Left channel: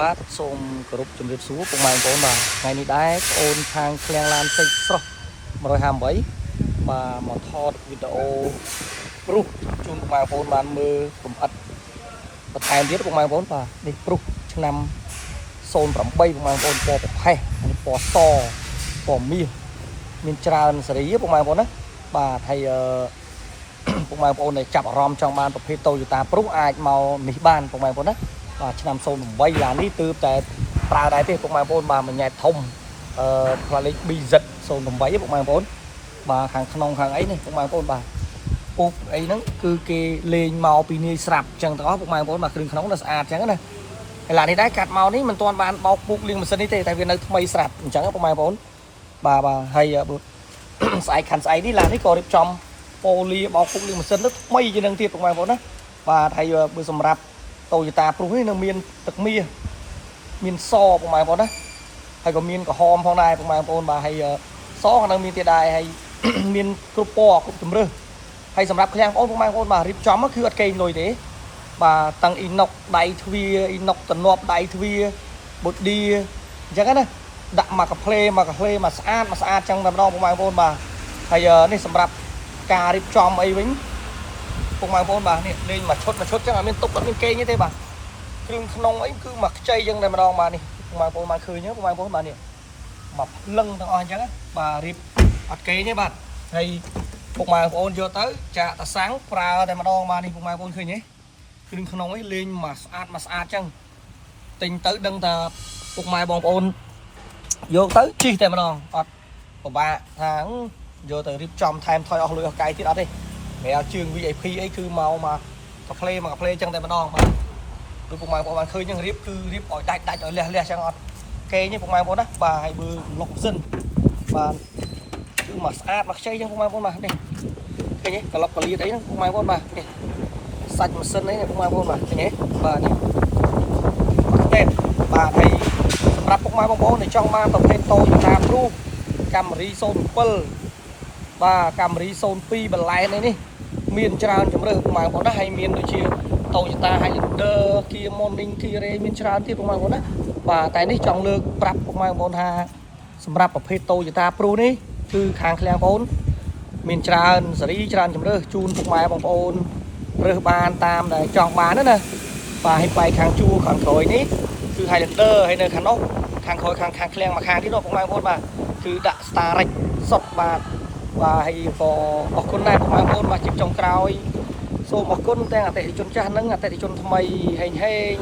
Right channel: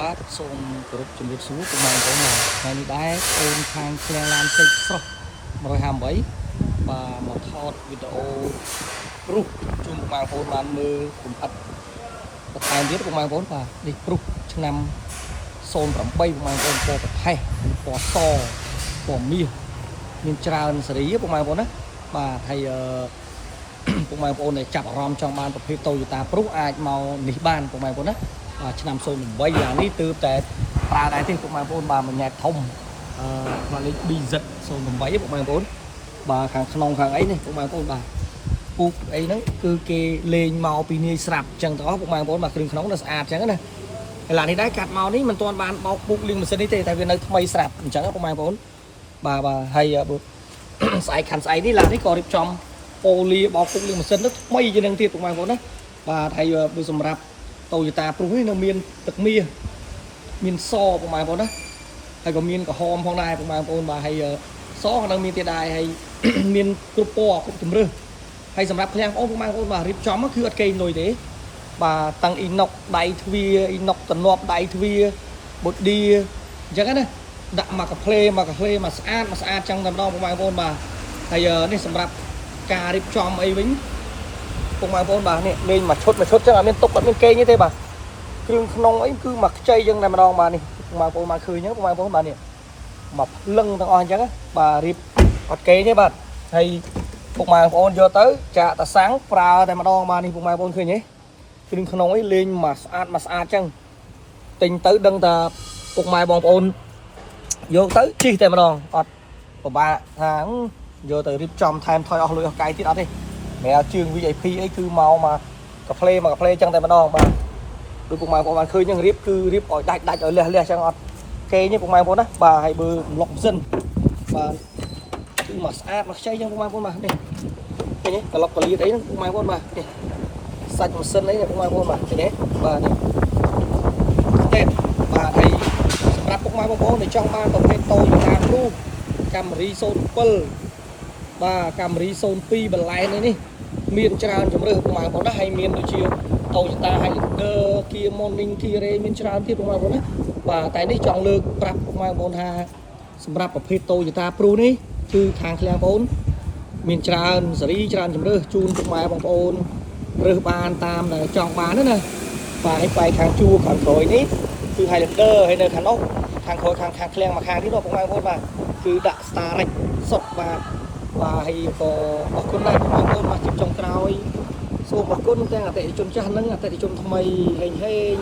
បាទសូមគោរពជំរាបសួរពុកម៉ែបងប្អូនបាទថ្ងៃនេះដែរអូនខាងឃ្លាំងឡានសេកស្រស់158បាទមកថតវីដេអូព្រុសជូនពុកម៉ែបងប្អូនបានមើលកំអិតបន្ថែមទៀតពុកម៉ែបងប្អូនបាទនេះព្រុសឆ្នាំ08ពុកម៉ែបងប្អូនពណ៌ប្រផេះពណ៌សពណ៌មាសមានច្រើនសេរីពុកម៉ែបងប្អូនណាបាទហើយពុកម៉ែបងប្អូនដែលចាប់អារម្មណ៍ចង់បានប្រភេទ Toyota ព្រុសអាចមកនេះបានពុកម៉ែបងប្អូនណាបាទឆ្នាំ08ឡាននេះទើបតែប្រើដែរទេពុកម៉ែបងប្អូនបាទមួយញ៉ែតធំផ្លាកលេខ BZ08 ពុកម៉ែបងប្អូនបាទខាងក្នុងខាងអីនេះពុកម៉ែបងប្អូនបាទពុកអីហ្នឹងគឺគេលេងមកពីនាយស្រាប់អញ្ចឹងទៅពុកម៉ែបងប្អូនបាទគ្រឿងក្នុងnóស្អាតអញ្ចឹងណាហើយឡាននេះដែរកាត់មកនេះមិនទាន់បានបោកពុកលាងម៉ាស៊ីននេះទេតែវានៅថ្មីស្រាប់អញ្ចឹងពុកម៉ែបងប្អូនបាទហើយស្អែកខាន់ស្អែកនេះឡាននេះក៏រៀបចំប៉ូលីបោកពុកលាងម៉ាស៊ីនទៅថ្មីជាងនឹងទៀតពុកម៉ែបងប្អូនណាបាទហើយបើសម្រាប់Toyota ព្រុសនេះនៅមានទឹកមាសមានសពុកម៉ែបងប្អូនណាហើយក៏មានក្រហមផងដែរពុកម៉ែបងប្អូនបាទហើយសក៏នៅមានទៀតដែរហើយមានគ្រប់ពណ៌គ្រប់ជម្រើសហើយសម្រាប់ឃ្លាំងបងប្អូនបាទរៀបចំគឺអត់កេងលុយទេបាទតាំងអ៊ីណុកដៃទ្វាអ៊ីណុកទំនាប់ដៃទ្វាបូឌីអញ្ចឹងណាដាក់មកកាផ្លេមកស្អាតអញ្ចឹងតែម្ដងពុកម៉ែបងប្អូនបាទហើយនេះសម្រាប់ការរៀបចំអីវិញពុកម៉ែបងប្អូនបាទនេះលេងមួយឈុតចឹងអត់មានទុកអត់មានកេងទេបាទគ្រឿងក្នុងអីគឺមកខ្ចីចឹងតែម្ដងបាទនេះពុកម៉ែបងប្អូនមកឃើញចឹងពុកម៉ែបងប្អូនបាទនេះមកលឹងទាំងអស់អញ្ចឹងបាទរៀបអត់កេងទេបាទហើយពុកម៉ែបងប្អូនយកទៅចាក់តាសាំងប្រើតែម្ដងបាទនេះពុកម៉ែបងប្អូនឃើញទេគ្រឿងក្នុងអីលេងមកស្អាតចឹងទិញទៅដឹងថាពុកម៉ែបងប្អូនយកទៅជិះតែម្ដងអត់ពិបាកថាយកទៅរៀបចំថែមថយអស់លុយអស់កាយទៀតអត់ទេមែនជើង VIP អីគឺមកកាផ្លេចឹងតែម្ដងបាទដូចពុកម៉ែបងប្អូនបានឃើញចឹងរៀបគឺរៀបឲ្យដាច់ឲ្យលះចឹងអត់គេនេះពុកម៉ែបងប្អូនណាបាទហើយបើរំលុកម៉ាស៊ីនបាទគឺមកស្អាតមកខ្ចីចឹងពុកម៉ែបងប្អូនបាទនេះឃើញទេក្លុកកលៀតអីហ្នឹងពុកម៉ែបងប្អូនបាទនេះសាច់ម៉ាស៊ីនអីពុកម៉ែបងប្អូនបាទឃើញទេបាទនេះទេបាទហើយសម្រាប់ពុកម៉ែបងប្អូនដែលចង់បានប្រភេទToyota Prius Camry 07បាទ Camry 02 បន្លែនេះមានច្រើនជម្រើសពុកម៉ែបងប្អូនណាហើយមានដូចជា Toyota Highlander Kia Morning Kia Ray មានច្រើនទៀតពុកម៉ែបងប្អូនណាបាទតែនេះចង់លើកប្រាប់ពុកម៉ែបងប្អូនថាសម្រាប់ប្រភេទToyota Priusនេះគឺខាងឃ្លាំងបងប្អូនមានច្រើនសេរីច្រើនជម្រើសជូនពុកម៉ែបងប្អូនរើសបានតាមដែលចង់បានណាបាទហើយបែកខាងជួរខាងក្រោយនេះគឺ Highlander ហើយនៅខាងនោះខាងក្រោយខាងឃ្លាំងមួយខាងទៀតពុកម៉ែបងប្អូនបាទគឺដាក់ Starrex សុតបាទហើយក៏អរគុណដែរពុកម៉ែបងប្អូនបាទជាចុងក្រោយសូមអរគុណទាំងអតិថិជនចាស់និងអតិថិជនថ្មីហេង